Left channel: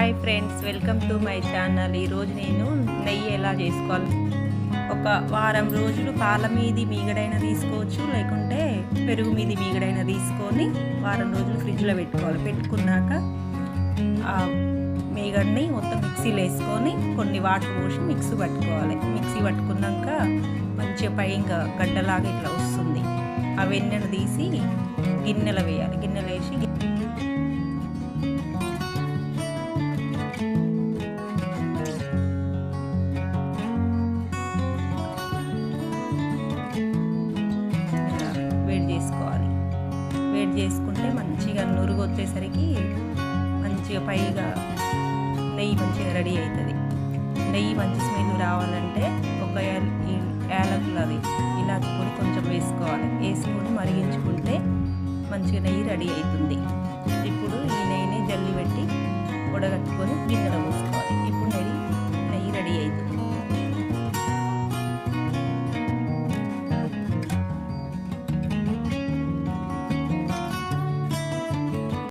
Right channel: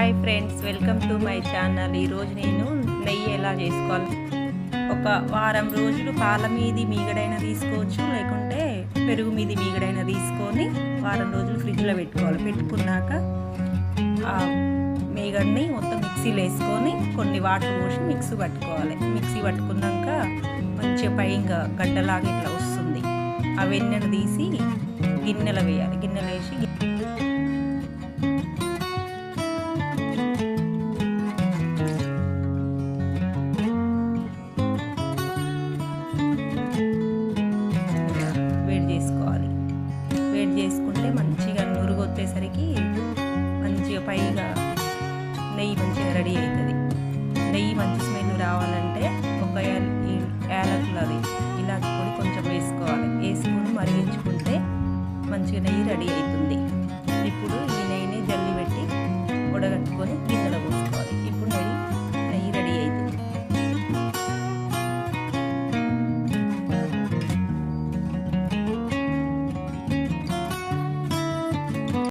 Hi friends, welcome to my channel. ఈరోజు నేను నెయ్యి ఎలా చేసుకోవాలి, ఒక వారం రోజులు పాల మీది మీగడైనా తీసుకోవచ్చు, లేకుంటే పెరుగు మీది మీగడైనా తీసుకొని వారం రోజులు ఫ్రిడ్జ్లో పెట్టుకోవాలి. పెట్టుకున్నాక ఆ మీగడని మొత్తం మిక్సీలో వేసుకొని కొన్ని వాటర్ పోసి మిక్సీ పట్టుకోవాలి. మిక్సీ పట్టుకున్నాక మంచిగా పైగా గడ్డలాగా ఇట్లా వస్తుంది. ఆ వెన్నెను తీసి గిన్నెలో వేయాలి. గిన్నెలో వేసి వేడి చేసుకోవాలి. వేడి చేసుకుంటే మంచిగా నురుగు వచ్చేసరికి మంచిగా పైగా నెయ్యి మంచిగా రెడీ అవుతుంది. నెయ్యి మంచి స్మెల్ రావాలంటే ఒక యాలకులది ఇలాచి పొడి కొంచెం వేసుకోవాలి. వేసుకొని మరిగించుకుంటే మంచిగా నెయ్యి రెడీ అవుతుంది. ఇప్పుడు ఈ నెయ్యిని జల్లి పెట్టి ఉడగట్టుకొని గిన్నెలో పోసుకోవాలి.